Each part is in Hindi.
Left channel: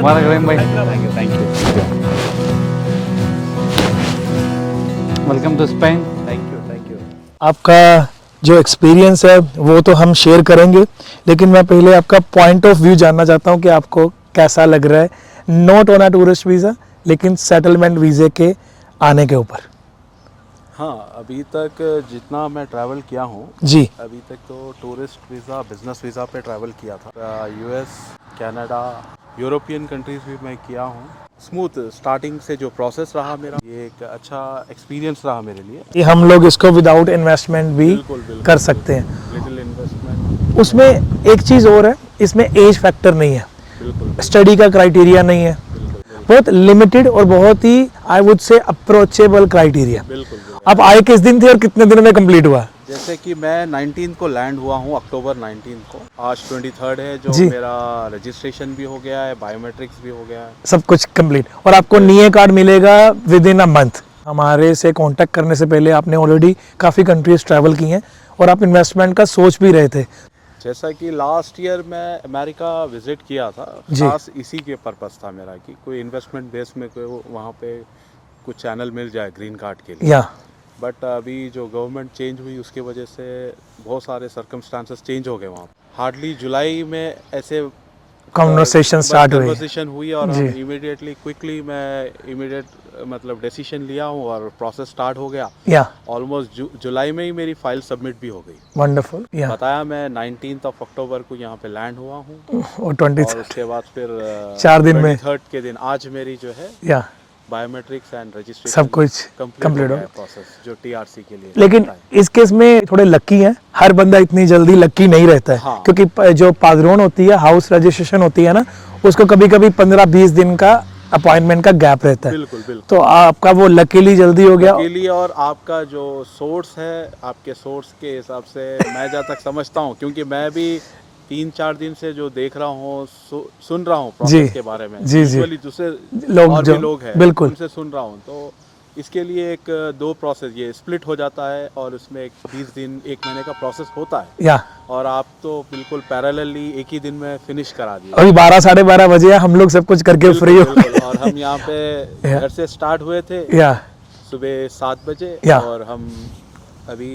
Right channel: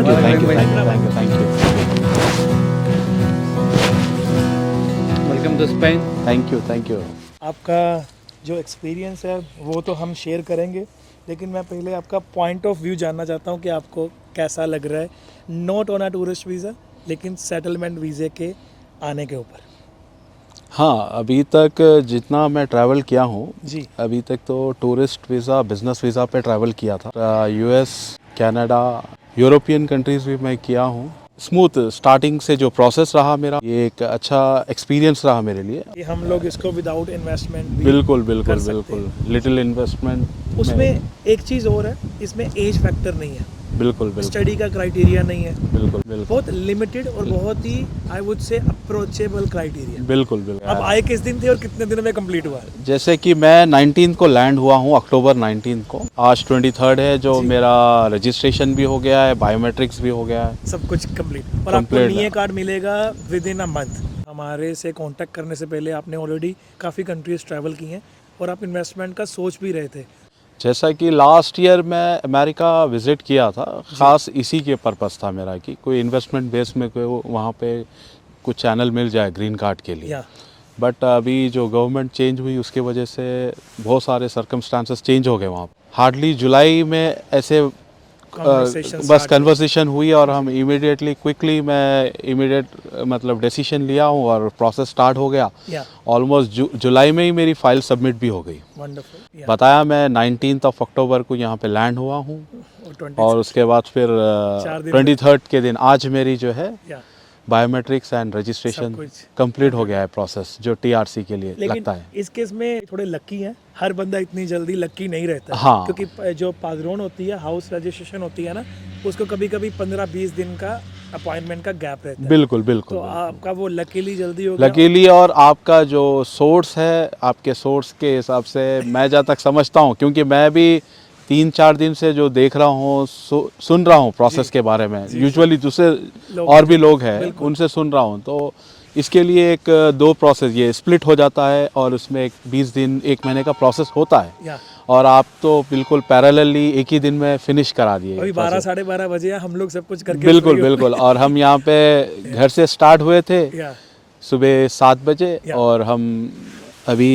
Welcome to Spain. Thank you. आपका जो एक्सपीरियंस है वो तो हम शेयर करेंगे, लेकिन मैं पहले आपका पॉइंट ऑफ व्यू जानना चाहता हूँ कि आपको कैसा लग रहा है, not on a tourist visa लेकिन सेटलमेंट वीज़े के आने के ऊपर। हाँ, अभी तक जितना मैं ट्रैवल किया हूँ जी, अभी तक तो टूरिस्ट वीज़ा, बिजनेस वीज़ा पे ट्रैवल किया था। यूएस, कनाडा, यूरोपियन कंट्रीज़ भी मैं किया हूँ। स्मूथ स्टार्टिंग से जो प्रोसेस रहा मेरा, ये एक अच्छा एक्सपीरियंस रहा मेरे लिए। कि हम लोग इसको विदाउट इन्वेस्टमेंट भी बिल्कुल कर सकते हैं। Little investment. उसमें एक चीज़ और है, इसमें एज फैक्टर नहीं है, बिल्कुल स्टडी का क्राइटेरिया नहीं है, बिल्कुल बहुत लिमिटेड और बहुत ही I would say approachable criteria. बिल्कुल। आप आए किस दिन थे और कितने दिन में कंप्लीट हुआ? जैसे कि मैं 19 को लैंड हुआ हूँ, अक्टूबर 19 को। आज 23 है, जो जी। मेरा रजिस्ट्रेशन भी हो गया है, बायोमेट्रिक्स भी हो गया है। सब कुछ कंप्लीट, और आपको नीए कार्ड मिलेगा विद इन अ मंथ। हमारे से कांटेक्ट करने से पहले आपने ऑलरेडी काफ़ी कंट्रीज ट्रैवल की हैं और आप इन्वेस्टमेंट का सोच भी रहे थे। जैसा कि लास्ट ईयर मैं अमेरिका विजिट किया था, खास इसी के पर्पस था मेरा कि कोई इन्वेस्टमेंट बेस में कोई वहाँ पे कुछ चैनल मिल जाए ग्रीन कार्ड के लिए। या बट अभी जो गवर्नमेंट चेंज हुई उसके वजह से बहुत सारे सर्कमस्टांसेस चेंज हो गए वहाँ। हार्डली जुलाई में ऐसे कन्वर्सेशन हुई और हम इमीडिएटली क्विकली मैं मतलब डिसीजन लिया हूँ और प्रोसेस स्टार्ट हो गया। ऑलमोस्ट जुलाई में ही मेरी फाइल सबमिट भी हो गई। वंडरफुल। बताया मैं 19 अक्टूबर को यहाँ पे लैंड हुआ हूँ और उसके बाद फिर 23 के दिन आज मेरी जो है बायोमेट्रिक्स एंड रजिस्ट्रेशन सब कुछ कंप्लीट हो गया है प्रोसेस, जो टीआरसी के लिए। लेकिन इस केस में थोड़े लकी हैं, हर बंदा इतनी जल्दी लकी नहीं रहता है। हाँ। क्योंकि जो पादरोन होती है, हाउस रजिस्ट्रेशन होती है ना, उसको कभी कभी 15-20 दिन का अपॉइंटमेंट का गैप रहता है। बिल्कुल। तो आपका वो लकीली जल्दी हो गया। लकीली, और आपका जो सोर्स है, आपके सोर्स के हिसाब से मैं जहाँ तक समझता हूँ, क्योंकि मैं भी 3-4 दिन से जो देख रहा हूँ, सुन रहा हूँ प्रोसेस के बारे में, यूजुअली दूसरे और भी लोग हैं उनसे सुन रहा हूँ, तो इसके लिए एक 2 प्रोसेस ये स्प्लिट हो जाता है और उसमें एक 20 दिन 1 महीने का प्रोसेस होता है। और आप तो बिल्कुल पैरेलली एक ही दिन में फिनिश करा दिए। अभी 12-12:30 बजे हम लोग सब कुछ करके फ्री हो। बिल्कुल। और हम यहाँ पे घर से स्टार्ट हुए थे सुबह 7 बजे और हम अभी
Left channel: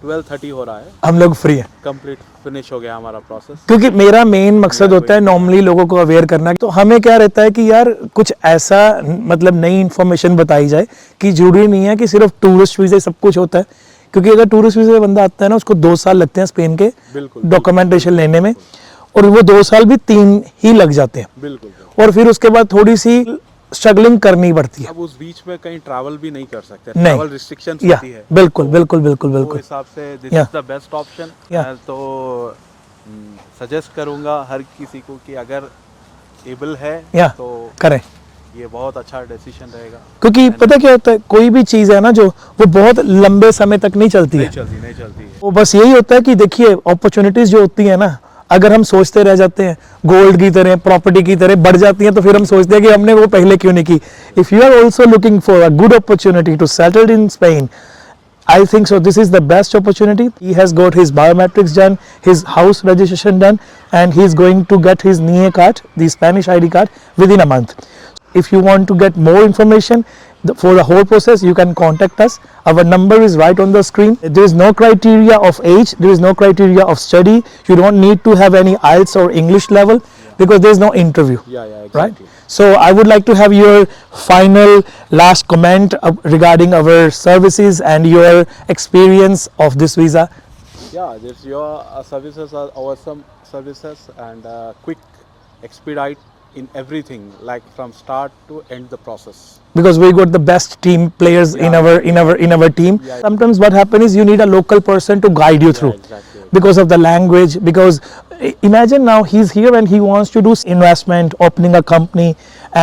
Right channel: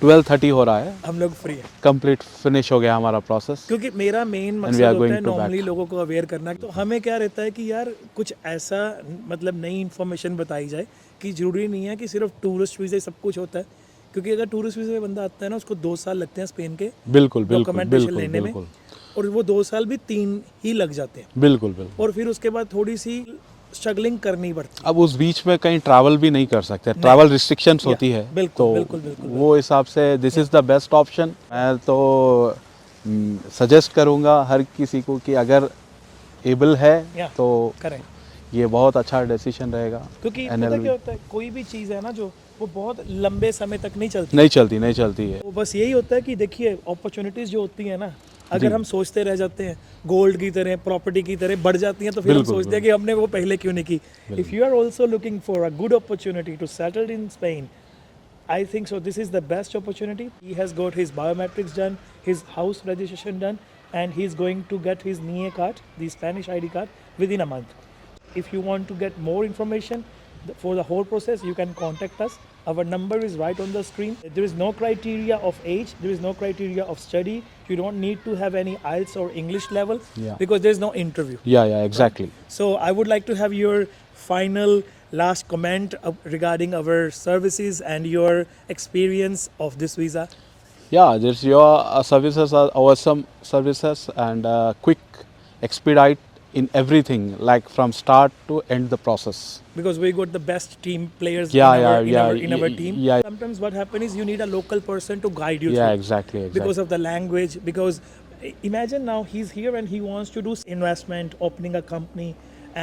12:30 हो रहा है, हम लोग फ्री हैं, कंप्लीट फिनिश हो गया हमारा प्रोसेस। क्योंकि मेरा मेन मकसद होता है नॉर्मली लोगों को अवेयर करना। तो हमें क्या रहता है कि यार कुछ ऐसा मतलब नई इन्फॉर्मेशन बताई जाए कि जरूरी नहीं है कि सिर्फ टूरिस्ट वीज़े सब कुछ होता है। क्योंकि अगर टूरिस्ट वीज़े बंदा आता है ना, उसको 2 साल लगते हैं स्पेन के डॉक्यूमेंटेशन लेने में, और वो 2 साल भी 3 ही लग जाते हैं। बिल्कुल। और फिर उसके बाद थोड़ी सी स्ट्रगलिंग करनी पड़ती है। अब उस बीच में कहीं ट्रैवल भी नहीं कर सकते, ट्रैवल रिस्ट्रिक्शंस होती है। बिल्कुल। वो हिसाब से this is the best option. मैं तो सजेस्ट करूंगा हर किसी को कि अगर एबल है तो करें, ये बहुत अच्छा डिसीजन रहेगा। क्योंकि पता क्या होता है, कोई भी चीज़ है ना जो वो बहुत लंबे समय तक नहीं चलती है। वो बस यही होता है कि देखिए अपॉर्चुनिटीज जो होती है ना, अगर हम सोचते रह जाते हैं गोल्ड की तरह, प्रॉपर्टी की तरह बढ़ जाती हैं, तो फिर हम सोचते हैं कि हमने वो पहले क्यों नहीं की। If you are also looking for a good opportunity to settle in Spain, I think so this is the best opportunity. He has got his biometrics done, his house registration done, and he is going to get his NIE card, the Spanish ID card, within a month. If you want to get more information for the whole process, you can contact us. Our number is right on the screen. There is no criteria of age, there is no criteria of study. You don't need to have any IELTS or English level because there is no interview. Yeah, exactly. Right? So I would like to have your final last comment regarding our services and your experience of this visa. Yeah, your services are awesome services and quick, expedite in everything, like from start to end the process. Because we got the best team players in our team. Sometimes what happens is you need a local person to guide you through. Exactly. Because of the language. Because imagine now he's here and he wants to do investment, opening a company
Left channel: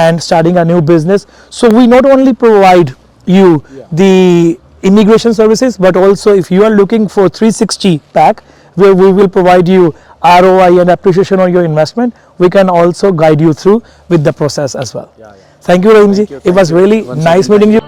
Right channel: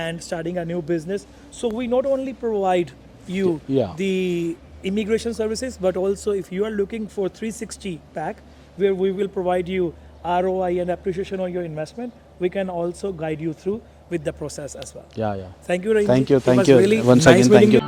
and starting a new business. So we not only provide you the immigration services, but also if you are looking for 360 pack, where we will provide you ROI and appreciation on your investment, we can also guide you through with the process as well. Yeah. Thank you, Rahim ji. It was really nice meeting you.